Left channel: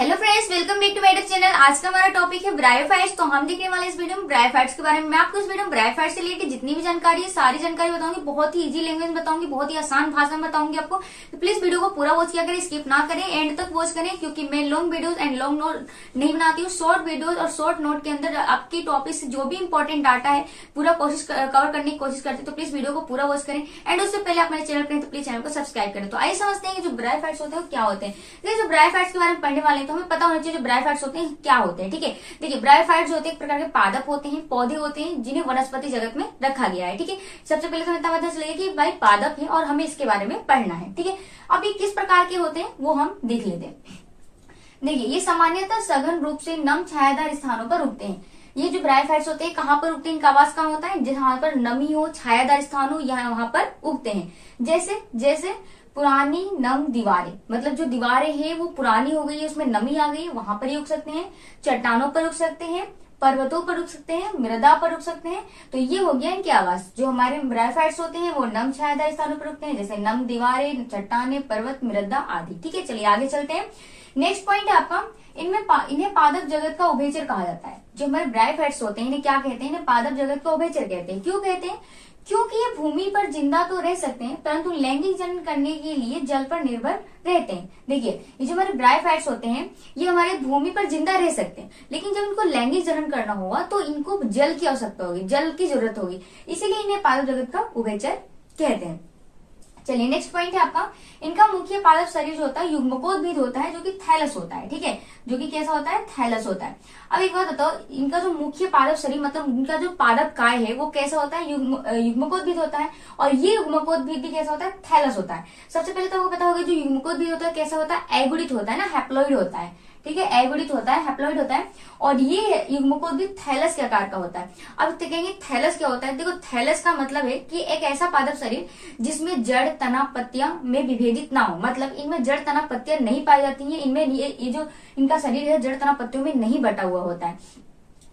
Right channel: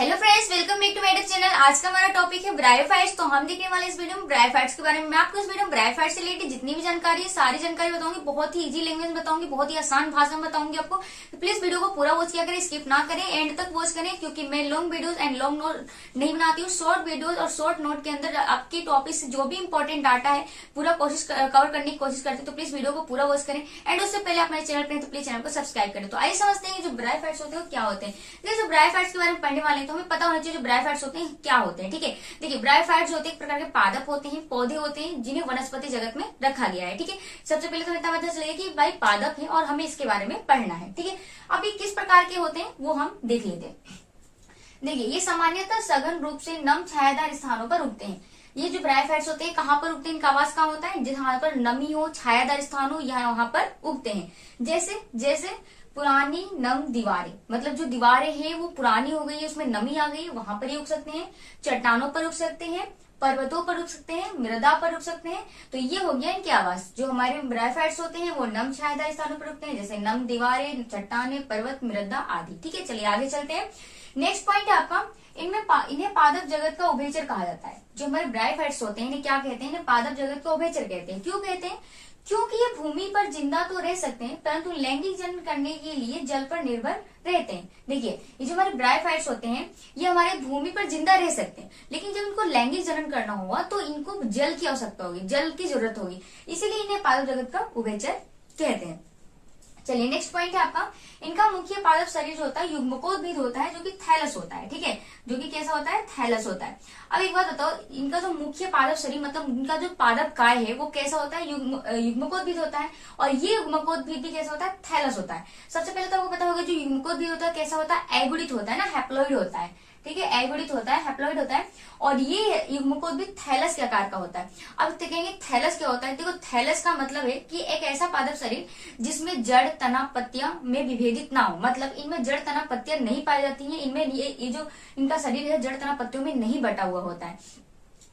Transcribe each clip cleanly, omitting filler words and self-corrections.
Hello friends, welcome back to मेरे चैनल। आज का हमारा टॉपिक है ब्रायोफाइट्स। तो हम देखने वाले इस वीडियो में ब्रायोफाइट्स के बारे में। मैं आपको इस वीडियो में ब्रायोफाइट्स से रिलेटेड जितनी भी जानकारी है सारी जानकारी बताऊंगी। बहुत ही इजी लैंग्वेज में बताऊंगी, बहुत ही आसान भाषा में बताऊंगी आपको। तो प्लीज वीडियो को पूरा वॉच किया करें, स्किप ना करें, एंड तक वॉच करें, क्योंकि मैं long videos and long note नहीं बनाती हूँ। शॉर्ट वीडियोज और शॉर्ट नोट के अंदर आपके टॉपिक से जो भी इंपॉर्टेंट डाटा है पूरा कोशिश कवर करने की कोशिश करती हूँ। तो प्लीज वीडियो को पूरा वॉच करें, एंड उससे पहले आप मेरे चैनल पर हैं तो प्लीज चैनल को सब्सक्राइब करें। तो आइए समझते हैं कि जो ब्रायोफाइट्स होते हैं वो क्या होते हैं। जो ब्रायोफाइट्स के बारे में पढ़ने वाले हैं तो हमें पता होना चाहिए ब्रायोफाइट्स होते हैं क्या होते हैं। ठीक है, देखिए ब्रायोफाइट्स होते हैं एक प्रकार के पादप होते हैं, पौधे होते हैं जिन्हें वनस्पति जगत में रखा गया है। ठीक है, सबसे पहले तो इतना पता चलेगा कि भाई पादप है और हमें इसके बारे में पढ़ना है। ठीक है, अब ये किस प्रकार के होते हैं वो हम देख लेते हैं। देखिए, ये सामान्यतः सघन रूप से नम छायादार स्थानों पर उगते हैं। ये जो ब्रायोफाइट्स होते हैं कहाँ पर उगते हैं, इनका आवास कहाँ होता है, जहां पर नमी हो, छायादार स्थान हो, यहाँ वहां पर उगते हैं। जैसे जैसे पुरानी नम दीवारें, मतलब जो दीवारें हैं वो पुरानी हो गई है, उसमें नमी आ गई है, वहां पर ही उग सकते हैं। चट्टानों पर उग सकते हैं, पर्वतों पर उग सकते हैं, मृदा पर उग सकते हैं। तो ये हो गया इनके आवास। जो हमारे ब्रायोफाइट्स होते हैं वो नम छायादार स्थानों पर उगते हैं, जैसे नम दीवारें, चट्टाने, पर्वत, मृदा आदि। ठीक है, चलिए आगे चलते हैं। नेक्स्ट पॉइंट है आपका, इन्हें पादप जगत का उभयचर कहा जाता है। जो हमारे ब्रायोफाइट्स होते हैं इन्हें क्या कहते हैं, इन्हें पादप जगत का उभयचर कहते हैं। क्यों कहते हैं, क्योंकि ये भूमि पर जिंदा तो रह सकते हैं परंतु लैंगिक जनन करने के लिए जल पर निर्भर रहते हैं। देखिए, ये जो हमारे ब्रायोफाइट्स होते हैं ये हमारे भूमि पर जिंदा रह सकते हैं, लेकिन जब इनको लैंगिक जनन करना होगा तो इनको जल की आवश्यकता होगी, जल की जरूरत होगी, इसीलिए इन्हें पादप जगत का उभयचर कहते हैं। चलिए नेक्स्ट पॉइंट है आपका, इनका मुख्य पादप शरीर जो होता है युग्मकोद्भिद होता है, जो कि थैलस होता है। ठीक है, जो कि कैसा होता है, थैलस होता है। अब एक बात बताओ, इनका जो मुख्य पादप शरीर मतलब इनका जो पादप काय है वो कैसा होता है, युग्मकोद्भिद होता है। और ये युग्मकोद्भिद भी कैसा होता है, थैलस होता है। सबसे पहले तो आपको पता होगा जो युग्मकोद्भिद होता है कैसा होता है, एगुडित होता है ना, हैप्लॉइड होता है। ठीक है, एगुडित होता है, हैप्लॉइड होता है। और ये युग्मकोद्भिद थैलस के आकार का होता है। अब कहेंगे थैलस क्या होता है, देखो थैलस का मतलब है कि एक ऐसा पादप शरीर जिसमें जड़, तना, पत्तियां में विभेदित ना हो, मतलब इनमें जड़, तना, पत्तियां नहीं पाई जाती हैं। इनमें ये जो इनका शरीर है जड़, तना, पत्तियों में नहीं बटा हुआ होता है,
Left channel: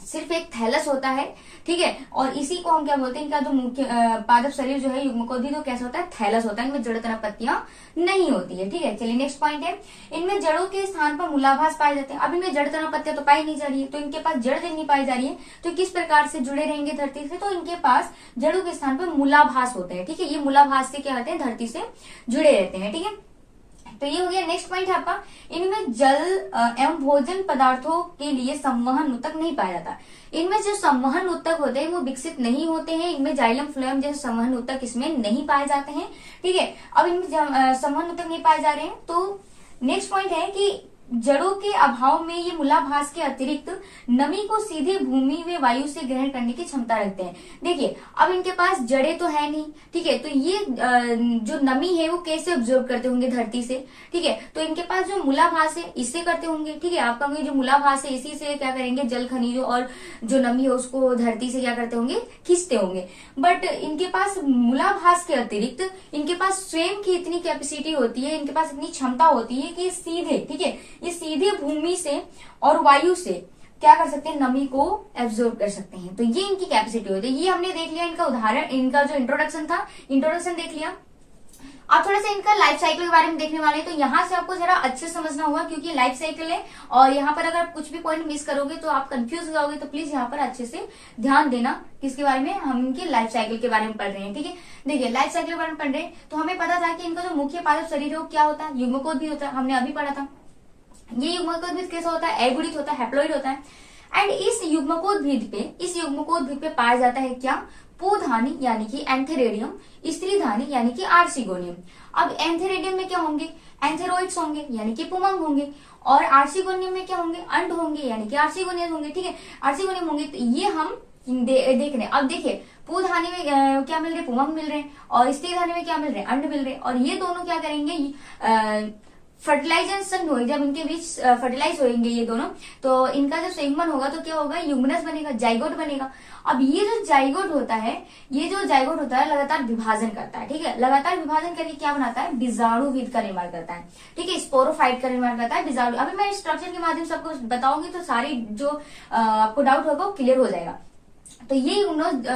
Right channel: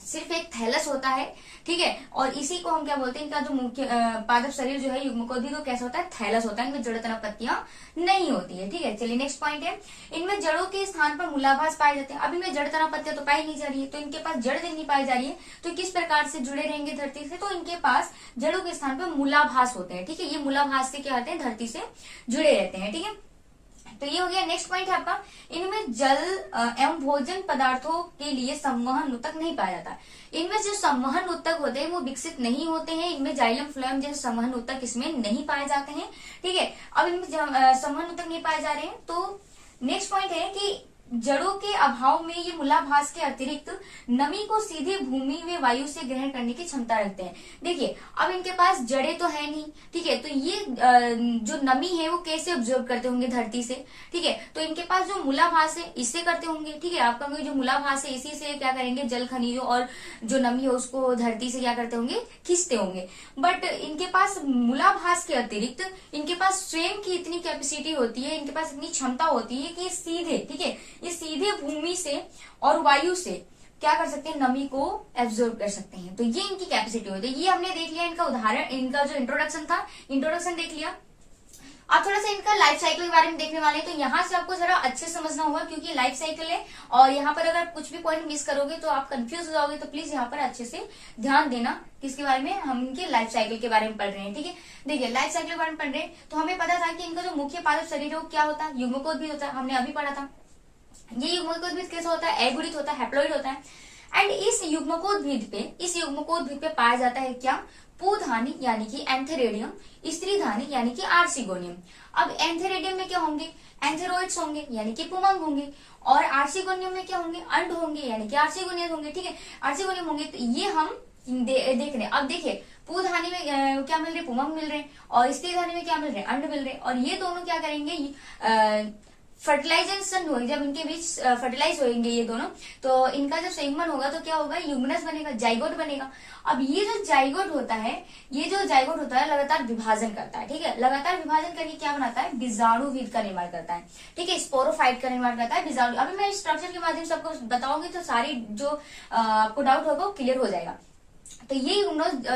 सिर्फ एक थैलस होता है। ठीक है, और इसी को हम क्या बोलते हैं, इनका जो मुख्य पादप शरीर जो है युग्मकोद्भिद वो कैसा होता है, थैलस होता है। इनमें जड़, तना, पत्तियां नहीं होती है। ठीक है, चलिए नेक्स्ट पॉइंट है, इनमें जड़ों के स्थान पर मूलाभास पाए जाते हैं। अब इनमें जड़, तना, पत्तियां तो पाई नहीं जा रही है, तो इनके पास जड़ नहीं पाई जा रही है, तो किस प्रकार से जुड़े रहेंगे धरती से, तो इनके पास जड़ों के स्थान पर मूलाभास होते हैं। ठीक है, ये मूलाभास से क्या होते हैं, धरती से जुड़े रहते हैं। ठीक है, तो ये हो गया। नेक्स्ट पॉइंट है आपका, इनमें जल एवं भोजन पदार्थों के लिए संवहन ऊतक नहीं पाया जाता। इनमें जो संवहन ऊतक होते हैं वो विकसित नहीं होते हैं। इनमें जाइलम फ्लोएम जैसे संवहन ऊतक इसमें नहीं पाए जाते हैं। ठीक है, अब इनमें संवहन ऊतक नहीं पाए जा रहे हैं। तो नेक्स्ट पॉइंट है कि जड़ों के अभाव में ये मूलाभास के अतिरिक्त नमी को सीधे भूमि व वायु से ग्रहण करने की क्षमता रखते हैं। देखिए, अब इनके पास जड़ें तो है नहीं। ठीक है, तो ये जो नमी है वो कैसे ऑब्जर्व करते होंगे धरती से। ठीक है, तो इनके पास जो मूलाभास है इससे करते होंगे। ठीक है, आप कहोगे जो मूलाभास है इसी से क्या करेंगे, जल खनिजों और जो नमी है उसको धरती से क्या करते होंगे, खींचते होंगे। बट इनके पास मूलाभास के अतिरिक्त इनके पास स्वयं की इतनी कैपेसिटी होती है, इनके पास इतनी क्षमता होती है कि सीधे, ठीक है, ये सीधे भूमि से और वायु से क्या कर सकते हैं, नमी को एब्जॉर्ब कर सकते हैं। तो ये इनकी कैपेसिटी होती है। ये हमने देख लिया इनका उदाहरण, इनका जो इंट्रोडक्शन था, इंट्रोडक्शन देख लिया। आप थोड़ा सा इनका लाइफ साइकिल के बारे में देखने वाले हैं, तो यहाँ से आपको जरा अच्छे समझना होगा क्योंकि लाइफ साइकिल है और यहाँ पर अगर कुछ भी पॉइंट मिस करोगे तो आप कंफ्यूज हो जाओगे। तो प्लीज यहाँ पर अच्छे से ध्यान देना किसके बारे में, हम इनके लाइफ साइकिल के बारे में पढ़ रहे हैं। ठीक है, देखिए लाइफ साइकिल के बारे में पढ़ रहे हैं तो हमें पता था कि इनका जो मुख्य पादप शरीर है वो क्या होता है, युग्मकोद्भिद होता है, हमने अभी पढ़ा था। ये युग्मकोद्भिद कैसा होता है, एगुडित होता है, हैप्लॉइड होता है। एंड इस युग्मकोद्भिद पे पाया जाता है क्या, पुधानी यानी कि एंथेरेडियम, स्त्रीधानी यानी कि आर्सिगोनियम। अब एंथेरेडियम में क्या होंगे, एंथेरोइड्स होंगे यानी कि पुमंग होंगे, और आर्सिगोनियम में क्या होंगे, अंड होंगे यानी कि आर्सिगोनियम होंगे। ठीक है, आर्सिगोनियम होंगे। तो ये हम देख रहे हैं। अब देखिए, पुधानी में क्या मिल रहे, पुमंग मिल रहे हैं, और स्त्रीधानी में क्या मिल रहे, अंड मिल रहे हैं। और ये दोनों क्या करेंगे, फर्टिलाइजेशन होगी, जब इनके बीच फर्टिलाइज होंगे ये दोनों, तो इनका जब संयुग्मन होगा तो क्या होगा, यूग्मनस बनेगा, जाइगोट बनेगा। अब ये जो जाइगोट होता है, लगातार विभाजन करता है। ठीक है, लगातार विभाजन करके क्या बनाता है, बीजाणुवीद का निर्माण करता है। ठीक है, स्पोरोफाइट का निर्माण करता है, बीजाणु। अभी मैं स्ट्रक्चर के माध्यम से आपको बताऊंगी तो सारी जो आपको डाउट होगा वो क्लियर हो जाएगा। तो ये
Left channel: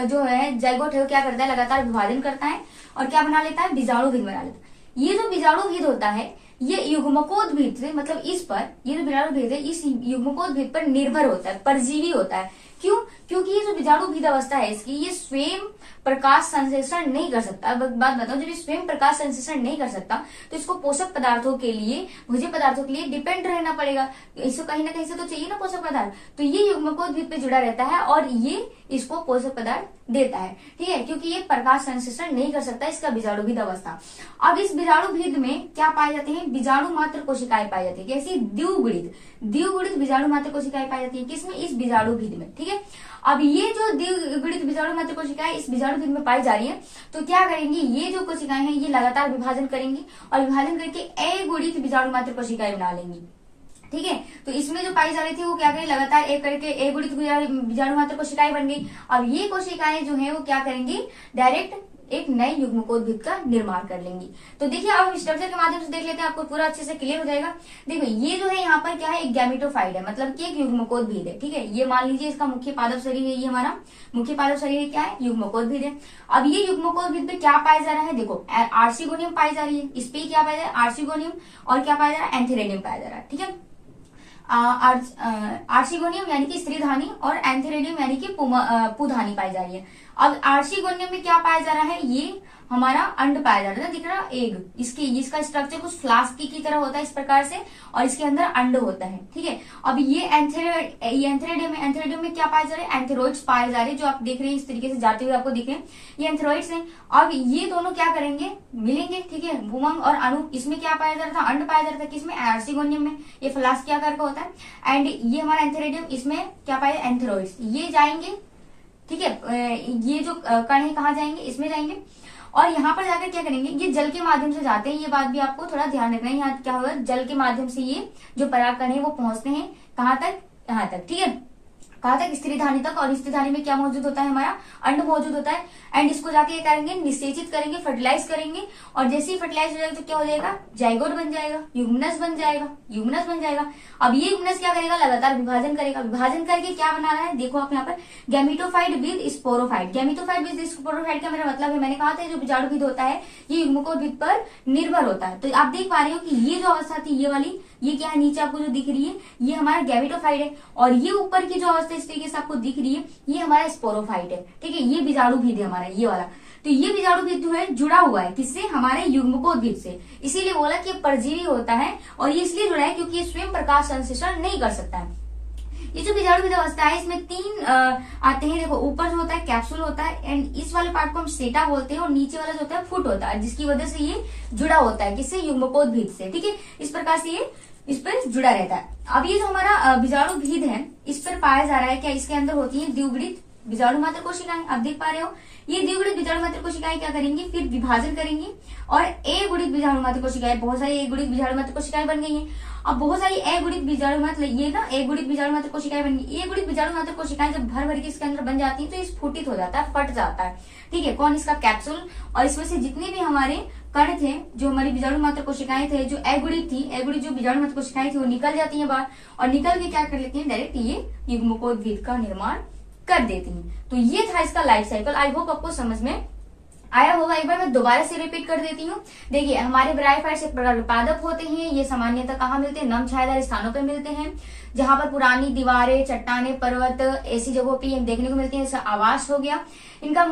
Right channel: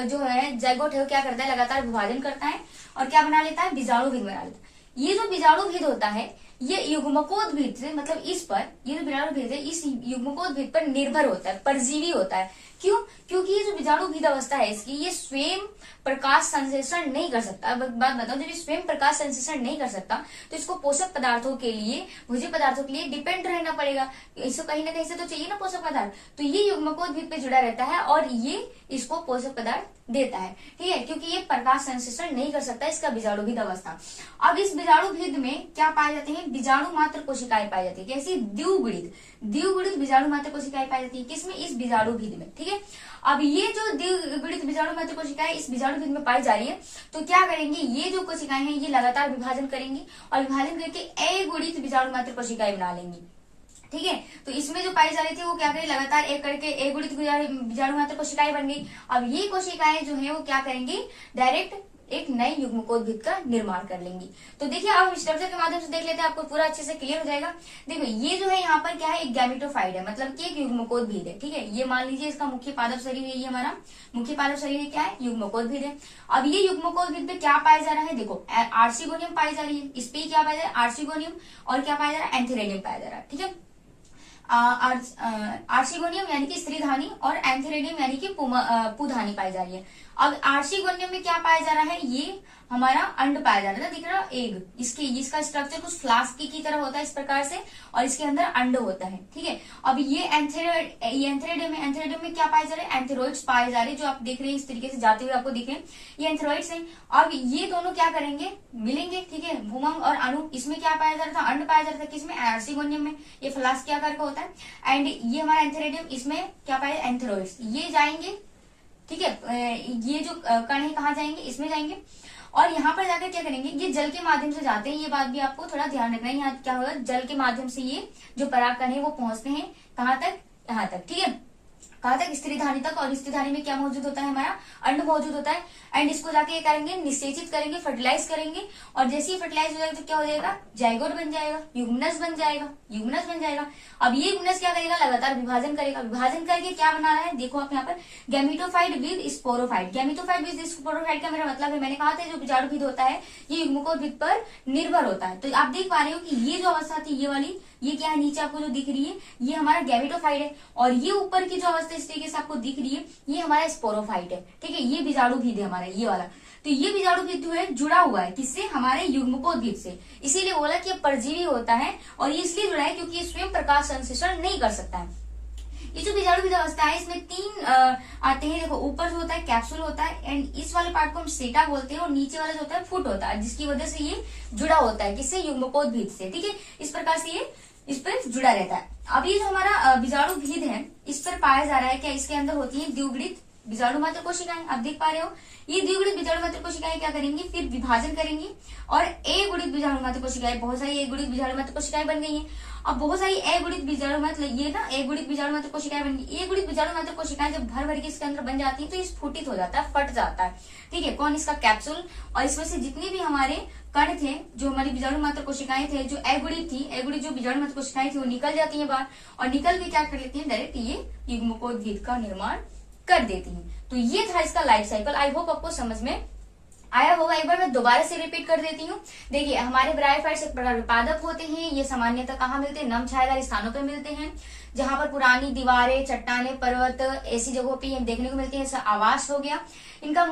जो है जाइगोट है वो क्या करता है, लगातार विभाजन करता है और क्या बना लेता है, बीजाणुवीद बना लेता है। ये जो बीजाणुवीद होता है ये युग्मकोद्भिद से, मतलब इस पर, ये जो बीजाणु भेद है इस युग्मकोद्भिद पर निर्भर होता है, परजीवी होता है। क्यों? क्योंकि ये जो बीजाणु भेद अवस्था है इसकी, ये स्वयं प्रकाश संश्लेषण नहीं कर सकता। अब बात बताओ, जब ये स्वयं प्रकाश संश्लेषण नहीं कर सकता तो इसको पोषक पदार्थों के लिए, भोज्य पदार्थों के लिए डिपेंड रहना पड़ेगा। इसको कहीं ना कहीं से तो चाहिए ना पोषक पदार्थ, तो ये युग्मकोद्भिद पे जुड़ा रहता है और ये इसको पोषक पदार्थ देता है। ठीक है, क्योंकि ये प्रकाश संश्लेषण नहीं कर सकता, इसका बीजाणु भेद अवस्था। अब इस बीजाणु भेद में क्या पाए जाते हैं? बीजाणु मात्र कोशिकाएं पाई जाती है। कैसी? द्विगुणित बीजाणु मात्र कोशिकाएं पाई जाती है। किसमें? इस बीजाणु भेद में। ठीक है, अब ये जो द्विगुणित बीजाणु मात्र कोशिकाएं इस बीजाणु भेद में पाई जा रही है, तो क्या करेंगे? ये जो कोशिकाएं हैं ये लगातार विभाजन करेंगी और विभाजन करके अगुणित बीजाणु मात्र कोशिकाएं बना लेंगी। ठीक है, तो इसमें जो पाई जा रही थी वो क्या करें? लगातार एक करके अगुणित बीजाणु मात्र कोशिकाएं बन गई। अब ये कोशिकाएं जो है वो क्या करेंगी? डायरेक्ट एक नए युग्मकोद्भिद का निर्माण कर लेंगी। तो देखिए, अब हम स्ट्रक्चर के माध्यम से देख लेते हैं, आपको पूरा अच्छे से क्लियर हो जाएगा। देखो, ये जो है यहाँ पर क्या है? एक गैमेटोफाइट है, मतलब कि एक युग्मकोद्भिद है। ठीक है, ये मान लीजिए इसका मुख्य पादप शरीर है, ये हमारा मुख्य पादप शरीर क्या है? युग्मकोद्भिद है। अब ये युग्मकोद्भिद पे क्या पाया जा रहा है? देखो, आर्चिगोनियम पाई जा रही है, इस पे क्या पाया जा रहा है? आर्चिगोनियम। और क्या पाया जा रहा है? एंथेरेडियम पाया जा रहा है। ठीक है, आर्चिगोनियम यानी कि स्त्रीधानी और एंथेरेडियम यानी कि पुधानी पाई जा रही है। अब आर्चिगोनियम में क्या पाया जा रहा है? ये हमारा अंड पाया जा रहा है, दिख रहा है? एग। इसका स्ट्रक्चर कुछ फ्लास्क की तरह होता है इस प्रकार से, और इसके अंदर अंड होता है। ठीक है, अब ये एंथेरेडियम में क्या पाया जा रहा है? एंथेरोइड्स पाए जा रहे हैं, जो आप देख रहे हैं इस तरीके से जाते हुए आपको दिख रहे हैं, ये एंथेरोइड्स हैं। अब ये दोनों क्या करेंगे? मिलेंगे। ठीक है, भूमंग और अणु। इसमें क्या पाया जा रहा था? अंड पाया जा रहा था। किसमें? आर्चिगोनियम में। ये फ्लास्क के आकार का होता है। एंड ये हमारा एंथेरेडियम, इसमें क्या पाया? एंथेरोइड्स। ये जाएंगे। ठीक है, ये जो कण है कहाँ जाएंगे? इसमें जाएंगे। और यहाँ पर जाकर क्या करेंगे? ये जल के माध्यम से जाते हैं, ये बात भी आपको थोड़ा ध्यान रखना है। यहाँ क्या होगा? जल के माध्यम से ये जो परागकण है वो पहुंचते हैं कहाँ तक? यहाँ तक। ठीक है, कहाँ तक? स्त्रीधानी तक। और स्त्रीधानी में क्या मौजूद होता है? हमारा अंड मौजूद होता है। एंड इसको जाके ये करेंगे, निषेचित करेंगे, फर्टिलाइज करेंगे। और जैसे ही फर्टिलाइज हो जाएगा तो क्या हो जाएगा? जाइगोट बन जाएगा, युग्मनज बन जाएगा। अब ये युग्मनज क्या करेगा? लगातार विभाजन करेगा। विभाजन करके क्या बना रहा है? देखो आप यहाँ पर, gametophyte with sporophyte. Gametophyte with sporophyte का मेरा मतलब है, मैंने कहा था जो बीजाणुभिद होता है ये युग्मकोद्भिद पर निर्भर होता है। तो आप देख पा रहे हो कि ये जो अवस्था थी, ये वाली, ये क्या है? नीचे आपको जो दिख रही है ये हमारा गैमेटोफाइट है, और ये ऊपर की जो अवस्था इस तरीके से आपको दिख रही है ये हमारा स्पोरोफाइट है। ठीक है, ये बीजाणुभिद है हमारा, ये वाला। तो ये बीजाणुभिद जो है जुड़ा हुआ है किससे? हमारे युग्मकोद्भिद से। इसीलिए बोला कि ये परजीवी होता है, और ये इसलिए जुड़ा है क्योंकि ये स्वयं प्रकाश संश्लेषण नहीं कर सकता है। ये जो बीजाणुभिद अवस्था है इसमें तीन आते हैं। देखो, ऊपर जो होता है कैप्सूल होता है, एंड इस वाले पार्ट को हम सेटा बोलते हैं, और नीचे वाला जो होता है फुट होता है, जिसकी वजह से ये जुड़ा होता है किससे? युग्मकोद्भिद से। ठीक है, इस प्रकार से ये इस पर जुड़ा रहता है। अब ये जो हमारा बीजाणुभिद है इस पर पाया जा रहा है क्या? इसके अंदर होती है द्विगुणित बीजाणु मात्र कोशिकाएं। आप देख पा रहे हो, ये द्विगुणित बीजाणु मात्र कोशिकाएं क्या करेंगी? फिर विभाजन करेंगी और अगुणित बीजाणु मात्र कोशिकाएं, बहुत सारी अगुणित बीजाणु मात्र कोशिकाएं बन गई हैं। अब बहुत सारी अगुणित बीजाणु मात्र, ये ना अगुणित बीजाणु मात्र कोशिकाएं बन गई। अगुणित बीजाणु मात्र कोशिकाएं जब भर भर के इसके अंदर बन जाती है तो स्फुटित हो जाता है, फट जाता है। ठीक है, कौन? इसका कैप्सूल। और इसमें से जितने भी हमारे कण थे, जो हमारी बीजाणु मात्र कोशिकाएं थे, जो अगुणित थी, अगुणित जो बीजाणु मात्र कोशिकाएं थी वो निकल जाती है बाहर, और निकल के क्या कर लेती है? डायरेक्ट ये युग्मकोद्भिद का निर्माण कर देती हैं। तो ये था इसका लाइफ साइकिल। आई होप आपको समझ में आया होगा। एक बार मैं दोबारा से रिपीट कर देती हूँ। देखिए, हमारे ब्रायोफाइट्स एक प्रकार के पादप होते हैं। ये सामान्यतः कहाँ मिलते हैं? नम छायादार स्थानों पर मिलते हैं, जहां पर पुरानी दीवारें, चट्टाने, पर्वत ऐसी जगहों पर देखने को मिलते हैं। ऐसा आवास हो गया इनका।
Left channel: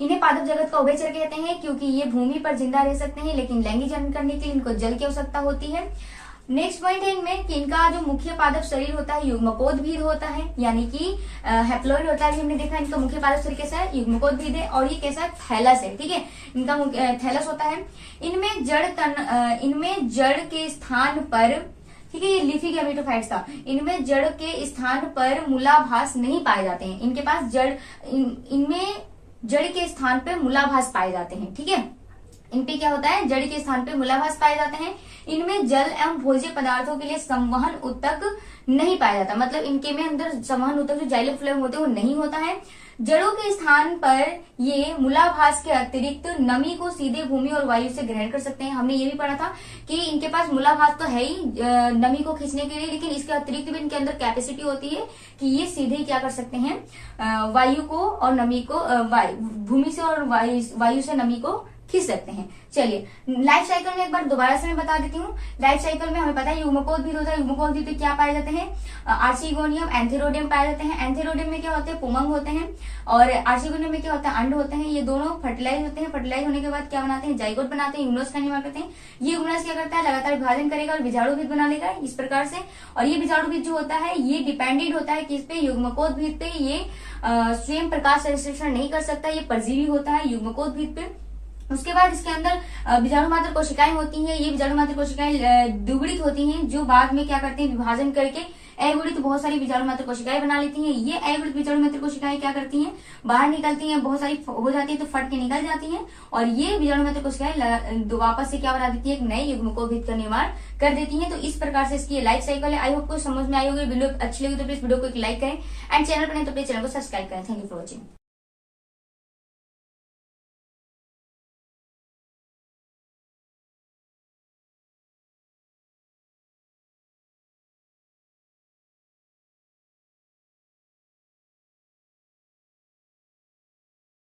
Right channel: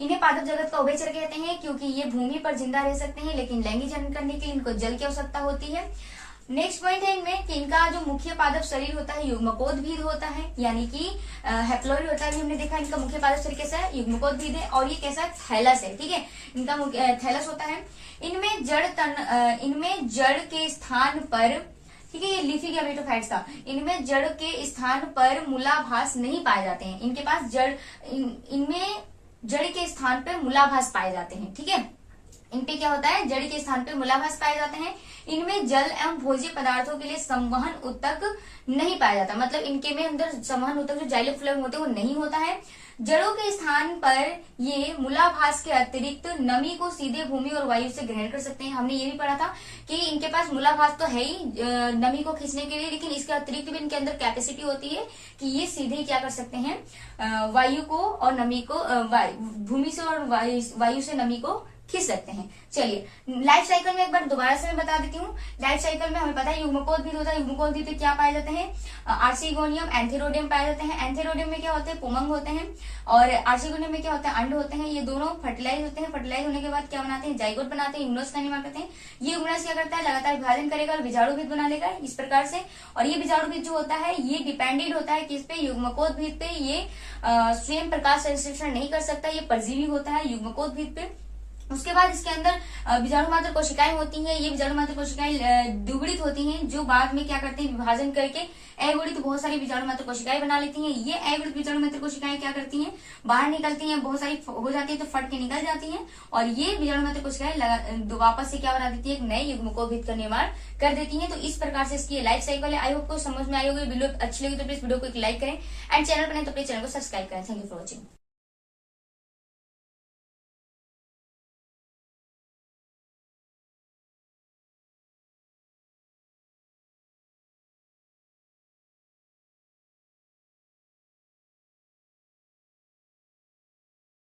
इन्हें पादप जगत का उभयचर कहते हैं, क्योंकि ये भूमि पर जिंदा रह सकते हैं, लेकिन लैंगिक जनन करने के लिए इनको जल की आवश्यकता होती है। नेक्स्ट पॉइंट है इनमें कि इनका जो मुख्य पादप शरीर होता है युग्मकोद्भिद होता है, यानी कि हेप्लॉइड होता है। हमने देखा इनका मुख्य पादप शरीर कैसा है? युग्मकोद्भिद है। और ये कैसा है? थैलस है। ठीक है, इनका थैलस होता है। इनमें जड़ के स्थान पर, ठीक है, ये लीफी गैमेटोफाइट्स था, इनमें जड़ के स्थान पर मूलाभास नहीं पाए जाते हैं। इनके पास इनमें जड़ के स्थान पर मूलाभास पाए जाते हैं। ठीक है, इन पे क्या होता है? जड़ के स्थान पे मूलाभास पाए जाते हैं। इनमें जल एवं भोज्य पदार्थों के लिए संवहन ऊतक नहीं पाया जाता, मतलब इनके में अंदर संवहन ऊतक जो जाइलम फ्लोएम होते हैं वो नहीं होता है। जड़ों के स्थान पर ये मूलाभास के अतिरिक्त नमी को सीधे भूमि और वायु से ग्रहण कर सकते हैं। हमने ये भी पढ़ा था कि इनके पास मूलाभास तो है ही नमी को खींचने के लिए, लेकिन इसके अतिरिक्त भी इनके अंदर कैपेसिटी होती है कि ये सीधे क्या कर सकते हैं? वायु को और नमी को, भूमि से और वायु से नमी को खींच सकते हैं। चलिए लाइफ साइकिल में एक बार दोबारा से मैं बता देती हूँ। लाइफ साइकिल में हमें पता है युग्मकोद्भिद होता है। युग्मकोद्भिद में क्या पाए जाते हैं? आर्चिगोनियम, एंथेरोडियम पाए जाते हैं। एंथेरोडियम में क्या होते हैं? पुमंग होते हैं। और आर्चिगोनियम में क्या होता है? अंड होते हैं। ये दोनों फर्टिलाइज होते हैं। फर्टिलाइज होने के बाद क्या बनाते हैं? जाइगोट बनाते हैं, यूग्मनस का निर्माण करते हैं। ये यूग्मनस क्या करता है? लगातार विभाजन करेगा और बीजाणुभिद बना लेगा इस प्रकार से। और ये बीजाणुभिद जो होता है ये डिपेंडेंट होता है किस पे? युग्मकोद्भिद पे। ये स्वयं प्रकाश संश्लेषण नहीं कर सकता, ये परजीवी होता है युग्मकोद्भिद पे। उसके बाद इसके अंदर बीजाणु मात्र कोशिकाएं होती हैं। ये बीजाणु मात्र कोशिकाएं द्विगुणित होती हैं, जो बाद में क्या करते हैं? विभाजन करके अगुणित बहुत सारी बीजाणु मात्र कोशिकाएं बना लेती हैं। ये अगुणित बीजाणु मात्र कोशिकाएं क्या करती हैं? बाहर निकलती हैं, बहुत सारी हो जाती है तो फट के निकल जाती हैं। और ये बीजाणु मात्र कोशिकाएं वापस से क्या बना देती है? एक नए युग्मकोद्भिद का निर्माण कर देती हैं। तो इस प्रकार से इसकी लाइफ साइकिल है। आई होप को समझ में आई होगी। वीडियो अच्छी लगी तो प्लीज वीडियो को एक लाइक करें एंड चैनल पर नहीं तो प्लीज चैनल को सब्सक्राइब करें। Thank you for watching.